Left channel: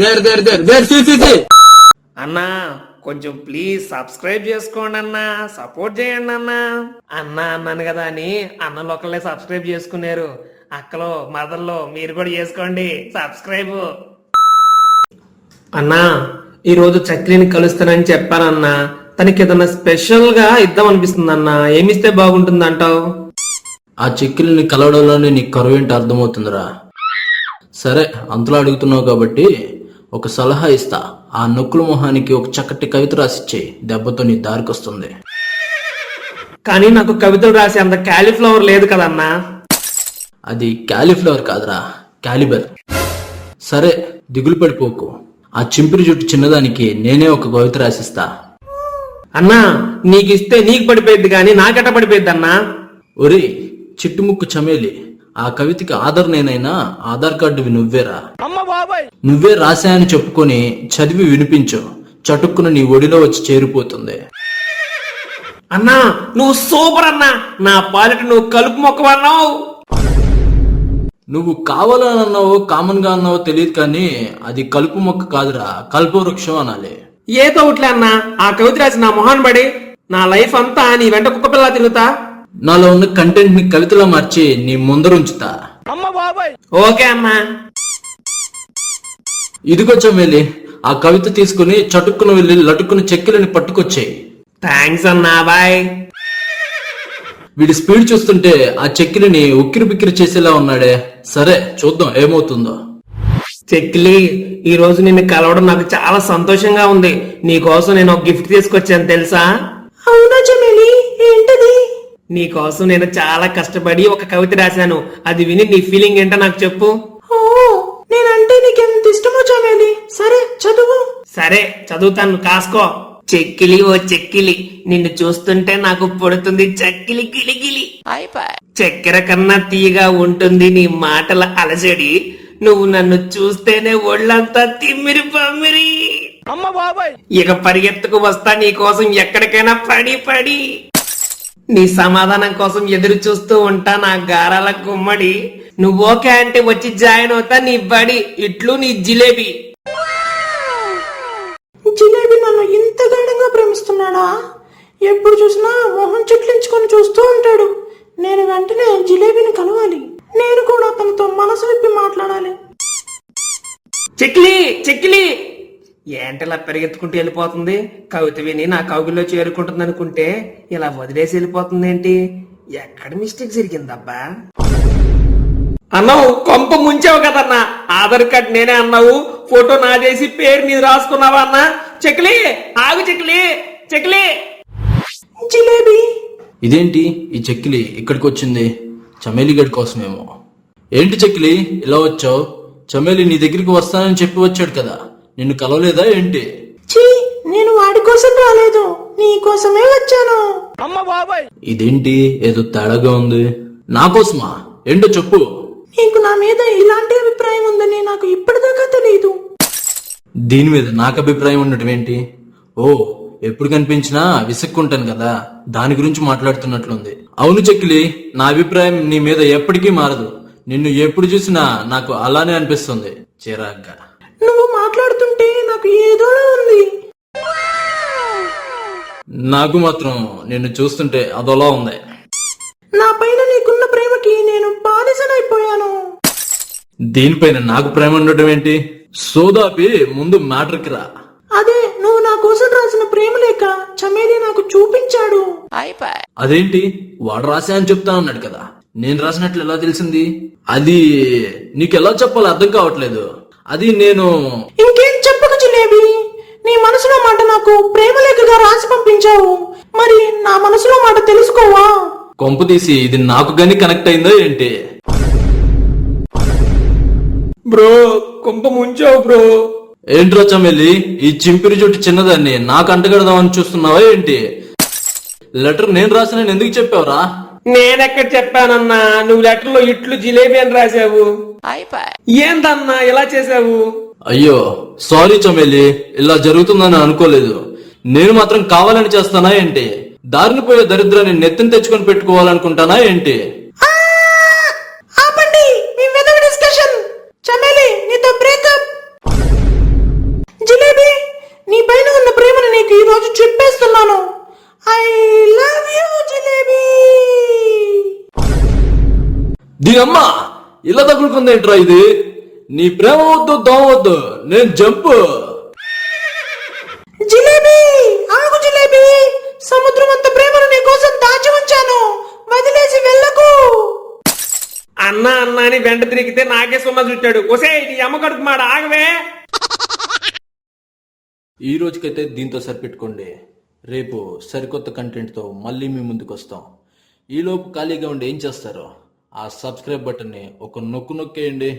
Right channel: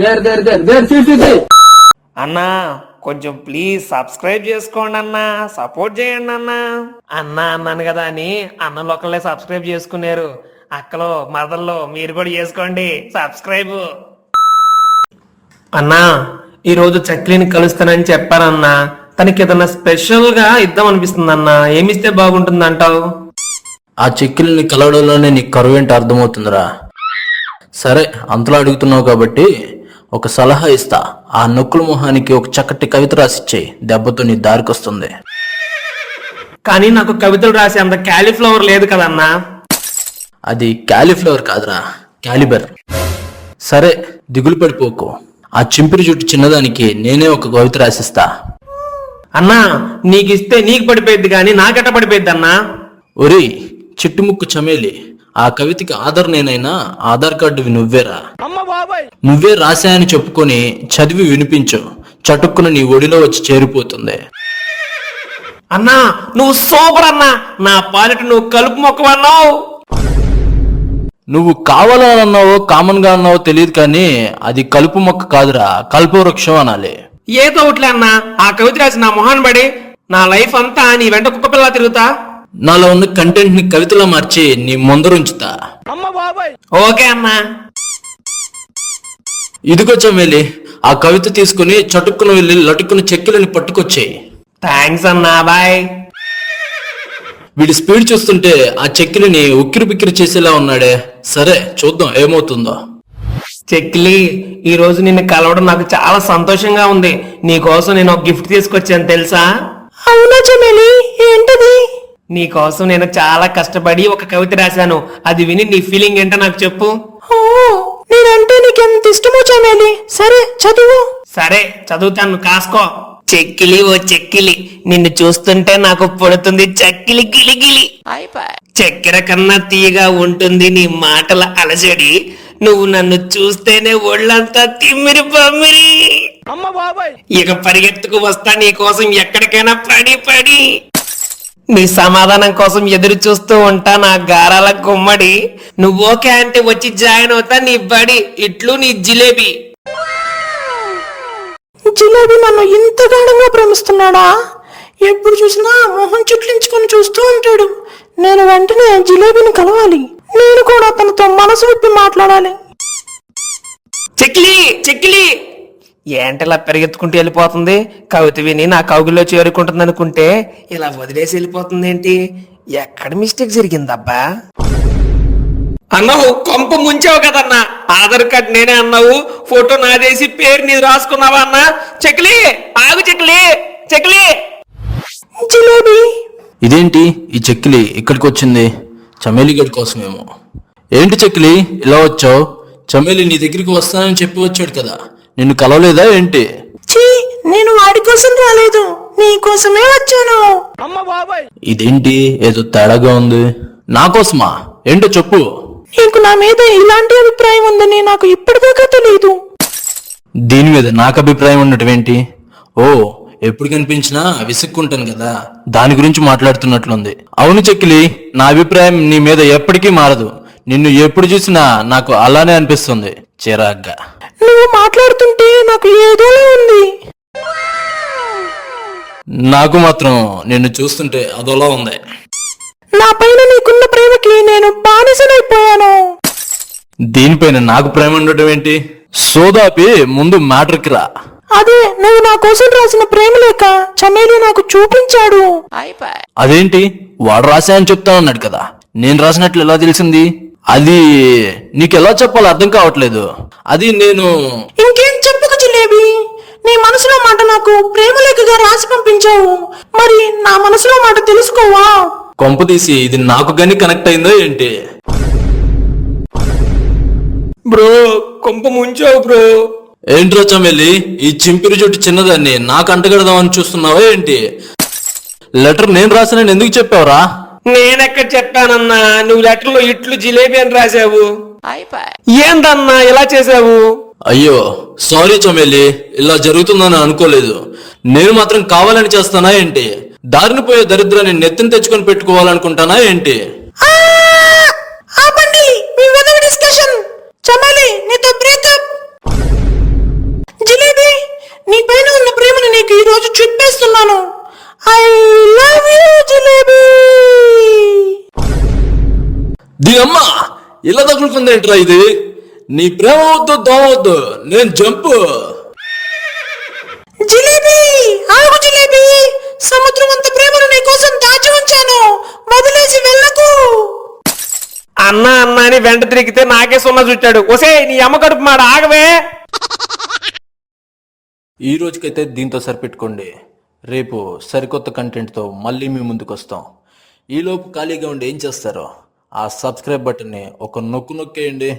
There there there there చూసి అన్నా కొంచెం ప్లీజ్ సబ్స్క్రైబ్ చేసుకోండి అన్నా, సపోర్ట్ చేయండి అన్నా. అన్నాను కదా అని అన్నలు ఒకళ్ళే సబ్స్క్రైబ్ చేసుకున్నారు. అక్కలో మదర్లో మీరు కూడా చేసుకోండి సబ్స్క్రైబ్. అన్నా ఈరోజు చక్లిని కలుస్తానని చెప్పానన్నా. తనకి ఏదన్నా స్పెషల్ గా ఇద్దాం అనిపిస్తుంది అన్నా. ఏమిస్తే బాగుంటుంది అంటావు? ఆ చెక్కిల్ని కలవడంలోనే నీకు కరువు ఏంటి అర్థమవుతుందిరా. సరే అంతలో అడుగుతున్నావు కాబట్టి ఒక సలహా ఇస్తా. ఆ నొక్కుల మొహానికి ఒక చక్కటి కవిత రాసిచ్చేయి, దెబ్బతో నీ దారికొస్తుంది. కానీ నాకు కవితలు రాసే అంత క్యాలీఫ్లవర్ లేదు కదన్నా. అది క్యాలీఫ్లవర్ కాదురా, క్యాలిబర్. సరే దిగులు పడిపోకు. ఆ చింపిరి జుట్టు చిన్నదానికి నేనే ఒక కవిత రాసిస్తా. అన్నా నీకు ఇస్తే నీకు పడిపోయింది కానీ నాకెట్ట పడిపోయింది అన్నా? ఒరేయ్ చిట్టుముక్కు చమేలి, ఆ కవితకి ఆధార్ నేనైనా ఆధార్ కార్డువి నువ్వేరా. నువ్వే రాశాయని చెప్పుకొని చదివి వినిపించు, చటుక్కున నీ ఒడిలో వచ్చి చేరిపోతుంది. అన్నా నువ్వు సూపర్ అన్నా. నా పాలిట నువ్వు కలుపు మొక్కవన్నావు. నువ్వు కావాలని అన్నావో కామన్ గా అన్నావో తెలియదు కానీ అది కలుపు మొక్క కాదురా, కల్పవృక్షం అనాలి. ఏదో ఒకట్లే అన్నా. ఆ కవిత రాసి నా మొహన్ పడి నా లైఫ్ అంతా నీ వెంట కుక్క పిల్ల తిరుగుతా. నాలో ఉన్న కంటెంట్ ని కవితలో మార్చి నీ ముందరుంచుతా. ఓకే అన్నా. ఇదిగో చమేలి, ఆ కవిత తీసుకుని చటుక్కున వెళ్ళి లటుక్కున చెక్కిలని పట్టుకొచ్చేయి. థ్యాంక్స్ అన్నా, బాయ్. వీడి స్పీడ్ చూస్తుంటే ఆ చెక్కిలిని ఉక్కిరి బిక్కిరి చేసేలా ఉన్నాడే. సరే చూద్దాం ఏమవుతుందో. చెక్కిలి ఈ రోజు నిన్ను కలవడం నాకు చాలా సంతోషంగా ఉంది. నీ కోసం నేను ఒక గిఫ్ట్ తీసుకొచ్చాను తెలుసా? అవునా చమేలి, ఏంటది? నీ కోసం నేను చాలా కష్టపడి ఒక కవిత రాశాను. అది విని నీ ఫీలింగ్ ఏంటో నాకు చెప్పు. ఓ, నేనంటే నీకెంత ఇష్టమో చమేలి. సరే చదువు. సరే చదువుతాను, కాసుకో. చెక్కిలి ఓ చెక్కిలి, నిన్ను చూస్తుంటే నాకు పడుతుంది చక్కిలి గిలిగిలి. చక్కెర కన్నా తీయగా ఉంటుంది నీ మాటల అలజడి. నువ్వు నన్ను చూస్తేనే ఒళ్ళంతా తిమ్మిరి పమ్మిరి. ఇక పరిగెత్తుకు వస్తా నీ కోసం ఎక్కడికైనా పడి పడి. నీ సమాధానం కోసం ఎదురు చూస్తూ ఉంటా నా గారాల గుమ్మడి. నువ్వు ఓకే అంటే వచ్చి జాయిన్ అవుతా నీ బడి. ఇట్లు నీ జిలేబీ. జిలేబీ నన్ను ఇంత గాఢంగా ప్రేమిస్తున్నాడా? ఎప్పుడు చూసినా మొహం చుట్లించుకొని చూస్తూ ఉంటాడు. నేను వెంటనే జిలేబీని కలవాలి. నేను కూడా తనతో మనసు విప్పి మాట్లాడాలి. చెక్కిలి చెక్కిలి ఏంటలా పెరిగెత్తుకుంటూ వెళ్ళిపోతుంది? కవిత విని నా కౌగిల్లో చేరుకుంటుంది అనుకుంటే ఇలా వదిలేసి వెళ్ళిపోతుంది ఏంటి? ఎక్కడ మిస్టేక్ జరిగిందబ్బా? అన్నావు కొంప ముంచావు కదన్నా. ఆధార్ కార్డ్ నేనే అన్నావు, ఫోటో నాదేసి పేరు నీది రాసుకున్నావా అన్నా? చెక్కిలి ఆగు, చెక్కిలి చెక్కిలి. జిలేబీ ఇదేంటి ఈ చెక్కిలి ఇక్కడికి వచ్చింది? చమేలి గడి కోసమేమో. ఏంటి చెక్కిలి ఇలా వచ్చావు? చమేలి నీ దగ్గరికి వస్తానని చెప్పి వచ్చాడు కదా, నిన్ను కలవలేదా ఏంటి? చీ, నేను వాడి కోసం రాలేదు, నీ కోసమే వచ్చాను. ఇదేంటి ఏదో తేడాగా ఉంది. నా కోసమా? ఏంటో చెప్పు. నీకు నా మీద ఇలాంటి అభిప్రాయం ఉందని నాకు ఇప్పటిదాకా తెలియదు. దీని మీద నాకు అభిప్రాయం ఉండటం ఏంటి? ఓ, ఎప్పుడు కనిపించినా విసుక్కుంటాను కదా, దాని గురించి మాట్లాడుతున్నట్లుంది. అవును చెక్కిలి, నా అభిప్రాయం నీ మీద ఎప్పటికీ మారదు. నిన్ను ఎప్పుడు చూసినా నాకు అలానే అనిపిస్తుంది, చిరాగ్గా. నువ్వు మాట్లాడుతుంటే నాకు ఏదో ఉంది. నాకు మాత్రం నిన్ను చూస్తుంటే అదోలా ఉంది. నా పైన నీకున్న ప్రేమకి నేను బానిసనైపోయాను. దీనిపైన నాకు ప్రేమ ఉండటం ఏంటి? సోదాపి ముందు మ్యాటర్కి రా. అదే నువ్వు నా కోసం రాసిన ప్రేమ లేక చమేలి నాకు చూపించాడు. అదేంటి వాడు రాశా అని చెప్తా అన్నాడు కదా, నేను రాసినట్లు ఎలా తెలిసింది? అది నీకెలా చెప్పాలో అర్థం కావట్లేదు. అది నేను ఇంకేం చెప్పకు జిలేబీ. నీ మనసులో మాట నాకు ప్రేమ లేఖగా రాసి పంపించావు. మరి నా మనసులో మాట తెలుసుకోవా? కొంప తీసి ఇది నాకు గాని కనెక్ట్ అయిందో ఏంటి? బ్రో కొంప ముంచావు బ్రో. ఏంట్రా చమేలి, ఈ చింపిరి జుట్టు చిన్నదాన్ని నాకు అంటగడదామని చూస్తున్నావా ఏంటి? లెటర్ నేను రాసానని ఎందుకు చెప్పావురా? నేనెక్కడ చెప్పానన్నా? నువ్వు లెటర్లో ఇట్లు జిలేబీ అని రాశావు. ఏందన్నా ఇలా చేసావు? అయ్యో సారీ చమేలి, ఇలా జరుగుతుందని అనుకోలేదు. నేను మాత్రం కావాలని చేస్తానా ఏంటి? దారిని పోయే దరిద్రాన్ని నెత్తిని తెచ్చుకొని పెట్టుకోవాలనుకుంటానా ఏంటి? ఆపండి మీ వెదవి డిస్కషన్. చమేలి నీతో బ్రేకప్. చెప్పేస్తున్నాను. I love you jalebi. దీనమ్మ ఇలా తగులుకుందేంట్రా ఇది? నీ ప్రేమ వద్దు దోమవద్దు, నేను జంపు. జిలేబీ ఆగు జిలేబీ, సముద్రం అంత ప్రేమను నీ కోసం దాచి ఉంచాను, వదిలేసి వెళ్ళకు. అన్న అన్న అని వెంట తిరిగితే నాకే సున్నా చుట్టాడు. ఒసే నీ అమ్మ కడుపు మాడ ఆగవే. ఈ రోజుకైతే దీంతో సరిపెట్టుకోండి. రేపు సరికొత్త కంటెంట్తో మళ్ళీ మీ ముందుకు వస్తాం. ఈలోపు ఖాళీగా ఉండి ఏం చేస్తారో ఆ సబ్స్క్రైబ్ బటన్ని ఒక నొక్కేయండి.